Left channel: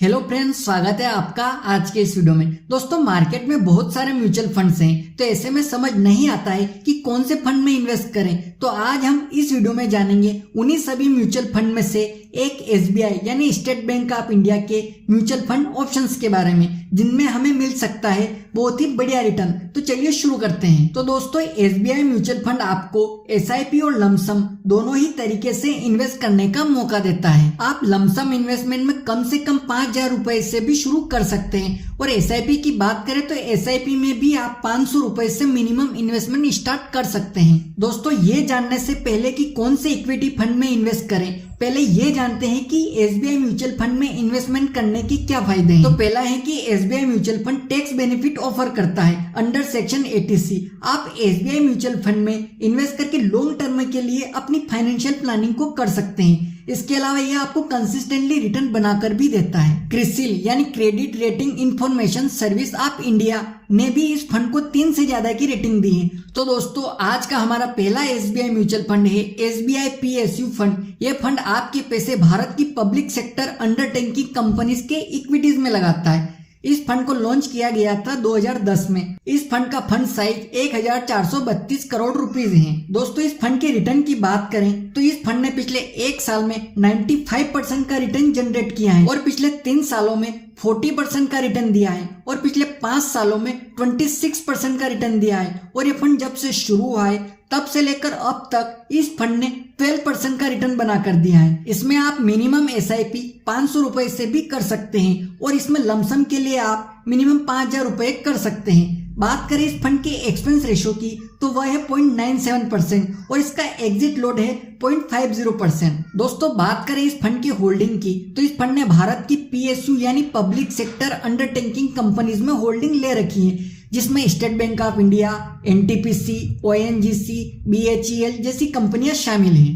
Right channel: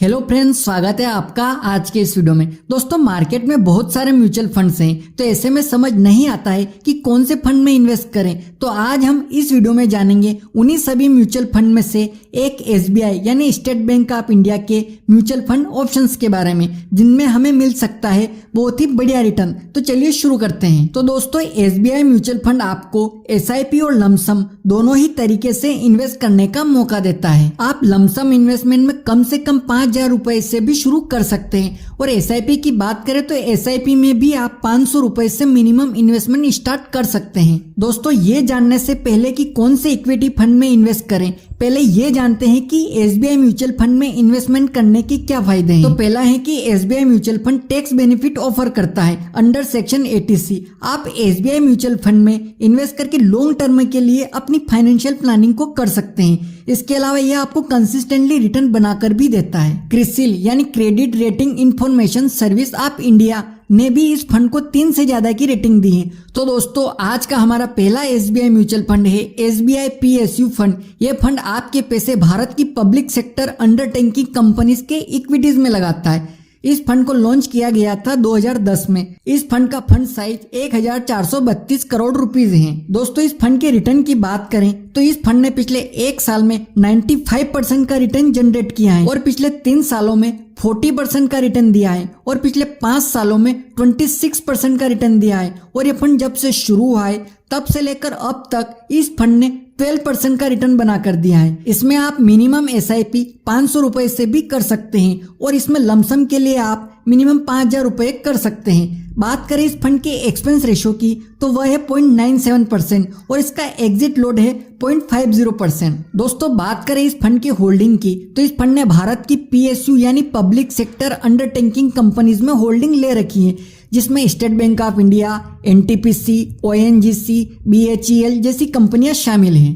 Hello friends, स्वागत है आपका आज के इस वीडियो में। दोस्तों, मार्केट में बहुत सारे म्यूचुअल फंड्स हैं, तो ऐसे में समझ नहीं आता है कि कौन से फंड में इन्वेस्ट करें। तो आज हम इस वीडियो में जानेंगे उन्हीं सभी म्यूचुअल फंड में से एक एसबीआई यानी स्टेट बैंक ऑफ इंडिया के म्यूचुअल फंड ऑप्शंस के बारे में, जिनमें हमें मिल सकता है बहुत ही बढ़िया रिटर्न। तो चलिए शुरू करते हैं। तो दोस्तों, एसबीआई म्यूचुअल फंड आपको एसआईपी और लमसम दोनों ही तरीके से इन्वेस्ट करने का मौका देता है। आप लमसम इन्वेस्टमेंट में कम से कम 5,000 रुपए से भी शुरू कर सकते हैं, और एसआईपी की बात करें तो एसआईपी में भी आप 500 रुपए से मिनिमम इन्वेस्टमेंट स्टार्ट कर सकते हैं। दोस्तों, ये जानने से पहले कि कौन से इक्विटी फंड में इन्वेस्ट करें, पहले ये जानते हैं कि एसबीआई म्यूचुअल फंड में इन्वेस्टमेंट करने के क्या फायदे हैं। तो पहला है कि SBI mutual fund tax benefit offer करता है अंडर सेक्शन 80C। आप एसबीआई म्यूचुअल फंड में इन्वेस्ट करके लॉन्ग टर्म के लिए अपनी फाइनेंशियल प्लानिंग को कर सकते हैं। इसके अलावा यह आपको कंसिस्टेंटली रिटर्न बनाकर भी देता है। क्रिसिल यानी credit rating information service of India ने भी इस फंड को 3 से ज्यादा की रेटिंग दी है। तो दोस्तों, आज का हमारा पहला एसबीआई म्यूचुअल फंड है एसबीआई पीएसयू फंड। ये फंड आपके पैसे भारत की पब्लिक सेक्टर अंडरटेकिंग कंपनीज के इक्विटीज में लगाता है। इस फंड को लॉन्च किया गया था 2010 में। इस फंड का फंड साइज 1432 करोड़ रुपीस है। दोस्तों, इस फंड के रिटर्न की बात करें तो इस फंड ने पिछले 1 साल में 95% का रिटर्न जनरेट किया है, और पिछले 3 सालों में 40% का रिटर्न दिया है, और पिछले 5 सालों में 26% का रिटर्न दिया है। और ये फंड जब से शुरू हुआ है तब से लेकर अब तक इस फंड ने 12% का रिटर्न बना कर दिया है। इसमें आप मिनिमम एसआईपी 500 रुपए से भी कर सकते हैं, और इसमें लमसम के लिए आप मिनिमम 5,000 रुपए कर सकते हैं। बात करें इस फंड के एक्सपेंस रेशो की तो वह है 0.97%, और इसका एग्जिट लोड है 0.50%। दोस्तों, बात करें इस फंड की होल्डिंग की तो इस फंड ने भारत की पीएसयू यानी पब्लिक सेक्टर अंडरटेकिंग कंपनीज में होल्डिंग ले रखी है, जिसमें state bank of India, NTPC, ONGC, BHEL जैसी कंपनियां शामिल हैं।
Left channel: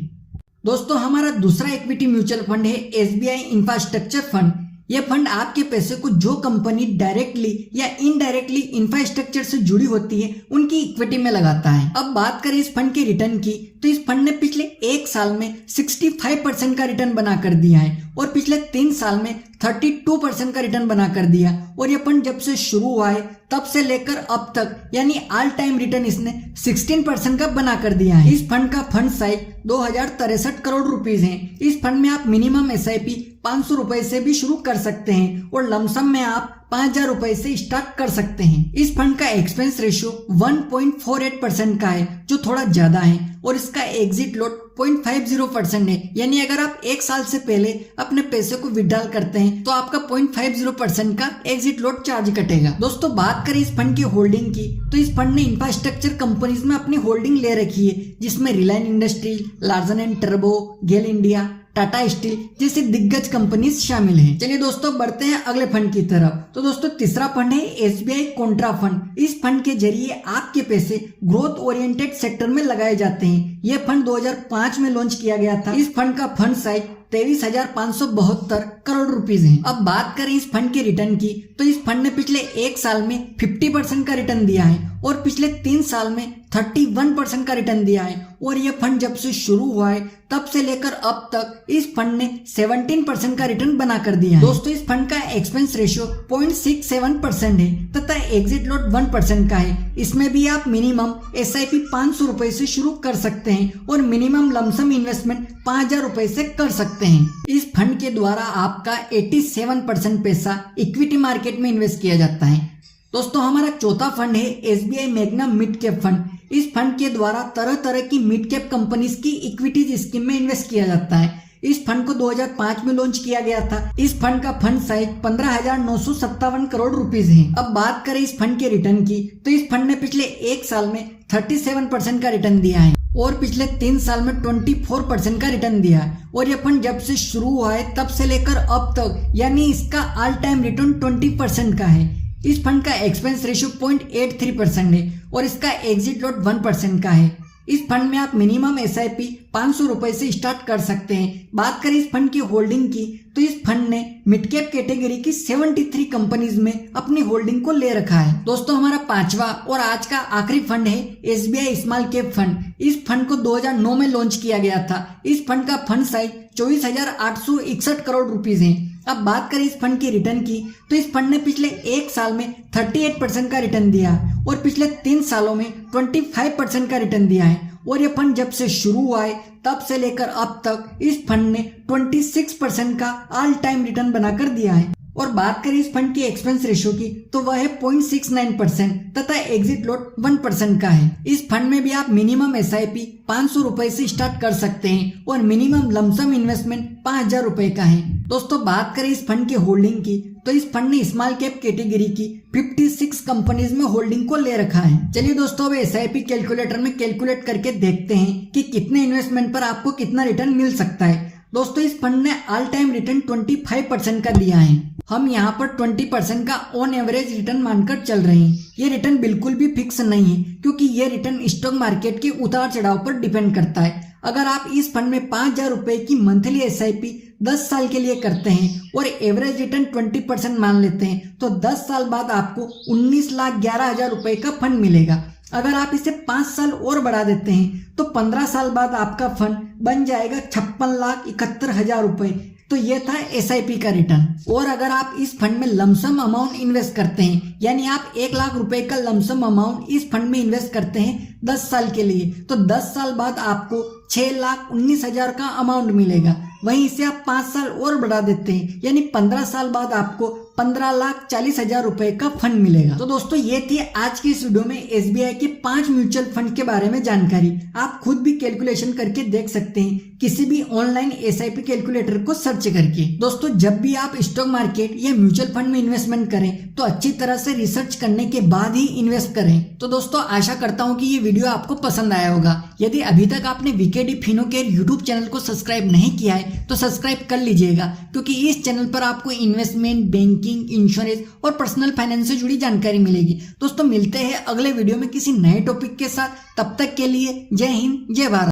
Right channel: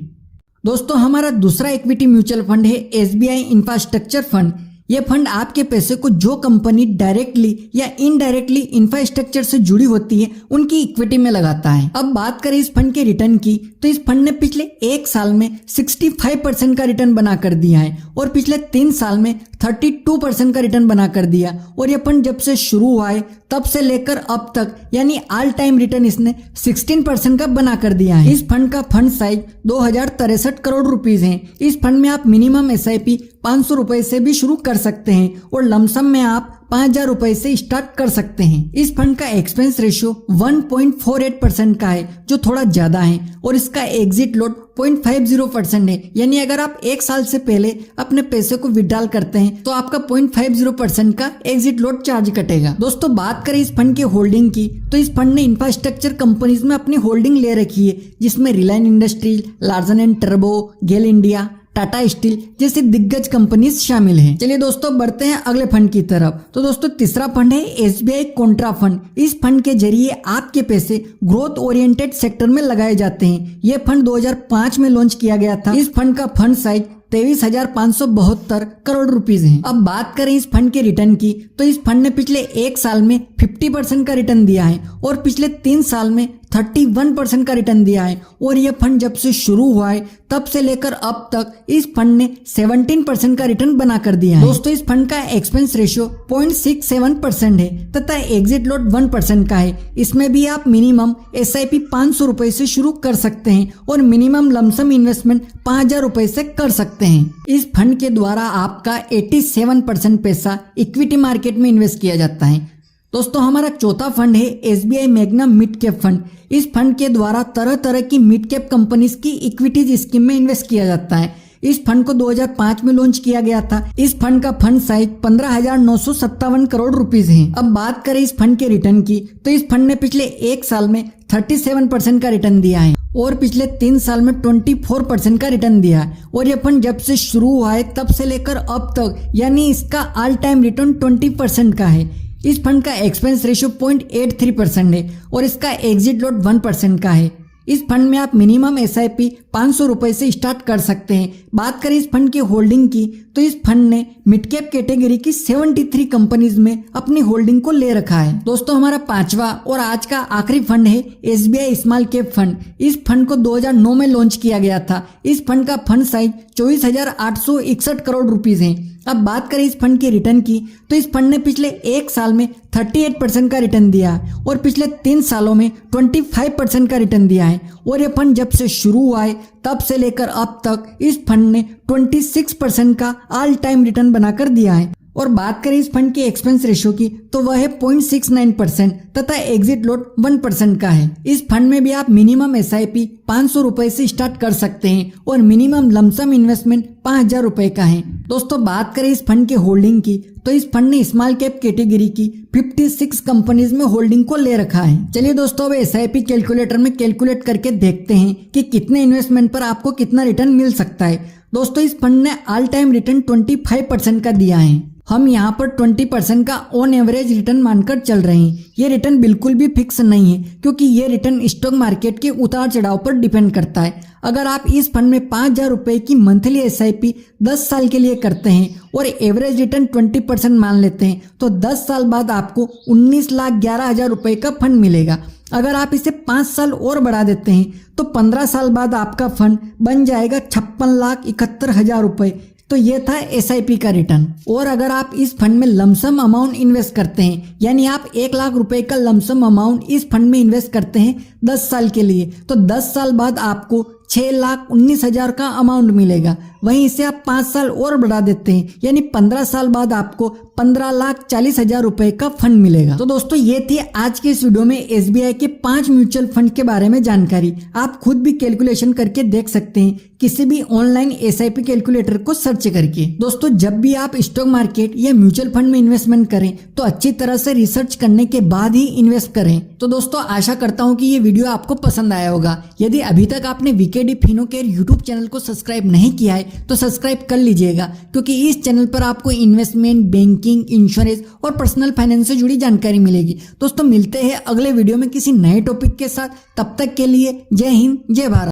दोस्तों, हमारा दूसरा इक्विटी म्यूचुअल फंड है एसबीआई इंफ्रास्ट्रक्चर फंड। यह फंड आपके पैसे को जो कंपनी डायरेक्टली या इनडायरेक्टली इंफ्रास्ट्रक्चर से जुड़ी होती है उनकी इक्विटी में लगाता है। अब बात करें इस फंड के रिटर्न की तो इस फंड ने पिछले 1 साल में 65% का रिटर्न बना कर दिया है, और पिछले 3 साल में 32% का रिटर्न बना कर दिया। और यह फंड जब से शुरू हुआ है तब से लेकर अब तक यानी ऑल टाइम रिटर्न इसने 16% का बना कर दिया है। इस फंड का फंड साइज 2063 करोड़ रुपीस है। इस फंड में आप मिनिमम एसआईपी 500 रुपए से भी शुरू कर सकते हैं, और लमसम में आप 5,000 रुपए से स्टार्ट कर सकते हैं। इस फंड का एक्सपेंस रेशियो 1.48% का है, जो थोड़ा ज्यादा है, और इसका एग्जिट लोड 0.50% है। यानी अगर आप 1 साल से पहले अपने पैसे को विड्रॉल करते हैं तो आपका 0.50% का एग्जिट लोड चार्ज कटेगा। दोस्तों, बात करें इस फंड की होल्डिंग की तो इस फंड ने इंफ्रास्ट्रक्चर कंपनीज में अपनी होल्डिंग ले रखी है, जिसमें रिलायंस इंडस्ट्रीज, लार्सन एंड टर्बो, गेल इंडिया, टाटा स्टील जैसी दिग्गज कंपनीज शामिल हैं। चलिए दोस्तों, बढ़ते हैं अगले फंड की तरफ। तो दोस्तों, तीसरा फंड है एसबीआई कॉन्ट्रा फंड। इस फंड के जरिए आपके पैसे ग्रोथ ओरिएंटेड सेक्टर में लगाए जाते हैं। यह फंड 2005 में लॉन्च किया गया था। इस फंड का फंड साइज 23,572 करोड़ रुपीस है। अब बात करें इस फंड के रिटर्न की तो इस फंड ने पिछले 1 साल में 50% का रिटर्न दिया है, और पिछले 3 साल में 31% का रिटर्न दिया है। और यह फंड जब से शुरू हुआ है तब से लेकर अब तक इस फंड ने 17% का रिटर्न बना कर दिया है। दोस्तों, इस फंड का एक्सपेंस रेशियो 0.67% है, तथा एग्जिट लोड 1% का है। इसमें भी आप मिनिमम एसआईपी 500 रुपए से शुरू कर सकते हैं, और मिनिमम लमसम इन्वेस्टमेंट 5,000 रुपए से कर सकते हैं। इस फंड के द्वारा आपका 87% पैसा इक्विटी मार्केट में इन्वेस्ट किया जाता है। दोस्तों, हमारा चौथा फंड है SBI magnum mid cap fund. इस फंड के द्वारा तरह तरह की मिड कैप कंपनीज की इक्विटीज स्कीम में इन्वेस्ट किया जाता है। इस फंड को 2005 में लॉन्च किया गया था। इस फंड का फंड साइज 15,957 करोड़ रुपीस है। अब बात करें इस फंड के रिटर्न की तो इस फंड ने पिछले 1 साल में 37% का रिटर्न दिया है, और पिछले 3 साल में 24% का रिटर्न दिया है। और यह फंड जब से शुरू हुआ है तब से लेकर अब तक यानी इसका ऑल टाइम रिटर्न 20% का है। इस फंड का एक्सपेंस रेशियो 0.83% है, और इसका एग्जिट लोड 1% का है। इस फंड में आप मिनिमम एसआईपी 500 रुपए से स्टार्ट कर सकते हैं। बात करें इस फंड की होल्डिंग की तो इस फंड ने मिड कैप कैटेगरी की 73 कंपनीज में अपनी होल्डिंग को ले रखा है। दोस्तों, हमारा पांचवा और आज का आखिरी फंड है एसबीआई स्मॉल कैप फंड। इस फंड को 2009 में लॉन्च किया गया था। इस फंड का फंड साइज 24,861 करोड़ रुपीस है। अब बात करें इस फंड के रिटर्न की, तो इस फंड ने पिछले एक साल में 38% का रिटर्न दिया है और पिछले 3 सालों में 25% का रिटर्न दिया है। और ये फंड जब से शुरू हुआ है तब से लेकर अब तक इस फंड ने 26% का ऑल टाइम रिटर्न बनाकर दिया है। और बात करें इस फंड के एक्सपेंस रेशियो की, तो वह है 0.69% तथा एग्जिट लोड 1% का है। इस फंड में भी आप मिनिमम SIP 500 रुपए से स्टार्ट कर सकते हैं और मिनिमम लमसम इन्वेस्टमेंट 5000 रुपए का है। दोस्तों बात करें इस फंड के होल्डिंग की, तो इस फंड ने स्मॉल कैप कैटेगरी की 56 कंपनीज में होल्डिंग को ले रखा है। चलिए दोस्तों अब SIP कैलकुलेटर में कैलकुलेट करके देखते हैं कि कितने इन्वेस्टमेंट पर आपको कितना रिटर्न मिल सकता है। दोस्तों इस फंड ने ऑल टाइम रिटर्न 25% का दिया है। हम यहाँ पर 20% का ऑन एवरेज रिटर्न मानकर चल रहे हैं। ये रिटर्न बिल्कुल भी फिक्स नहीं है, क्योंकि ये रिटर्न स्टॉक मार्केट के उतार चढ़ाव पर डिपेंड करता है। अगर आप इस फंड में 5000 रुपए की मंथली SIP 10 साल के लिए करते हैं और एवरेज रिटर्न 20% मान लेते हैं, तो 10 साल बाद आपको 19,11,000 रुपए का फंड मिलेगा। अगर आप इसे 5 साल और बढ़ा देते हैं तो 15 साल बाद आपका फंड बन जाएगा 56,71,000 रुपए। तो ये था SIP का रिटर्न। और अगर आप इस फंड में लमसम अमाउंट इन्वेस्ट करते हैं, यानी आप 1 लाख रुपए का लमसम अमाउंट इस फंड में इन्वेस्ट करते हैं 10 साल के लिए, तो 10 साल बाद आपको 6,19,000 का अमाउंट मिलेगा। वहीं इसे आप 5 साल और बढ़ा देते हैं, यानी 15 साल बाद आपको 15,40,000 रुपए का फंड मिलेगा। तो दोस्तों ये थी आज के इस वीडियो में SBI के 5 म्यूचुअल फंड के बारे में जानकारी। आप खुद भी कैलकुलेशन करके देख सकते हैं किसी भी ऑनलाइन SIP कैलकुलेटर को सर्च करके। दोस्तों जब भी आप स्टॉक मार्केट या म्यूचुअल फंड में इन्वेस्टमेंट करें तो अच्छी तरह से रिसर्च करने के बाद ही इन्वेस्ट करें। तो दोस्तों आशा करता हूँ कि ये वीडियो आपको पसंद आया होगा। यदि अभी तक आपने VKD फिनोकेयर यूट्यूब चैनल को सब्सक्राइब नहीं किया है तो सब्सक्राइब कर लीजिएगा, क्योंकि इस चैनल पर आपको इन्वेस्टमेंट, बैंकिंग, इंश्योरेंस और पर्सनल फाइनेंस से जुड़ी जानकारी मिलेगी। दोस्तों मिलते हैं अगले वीडियो में किसी नए टॉपिक के साथ। तब तक के लिए जय हिंद, जय भारत।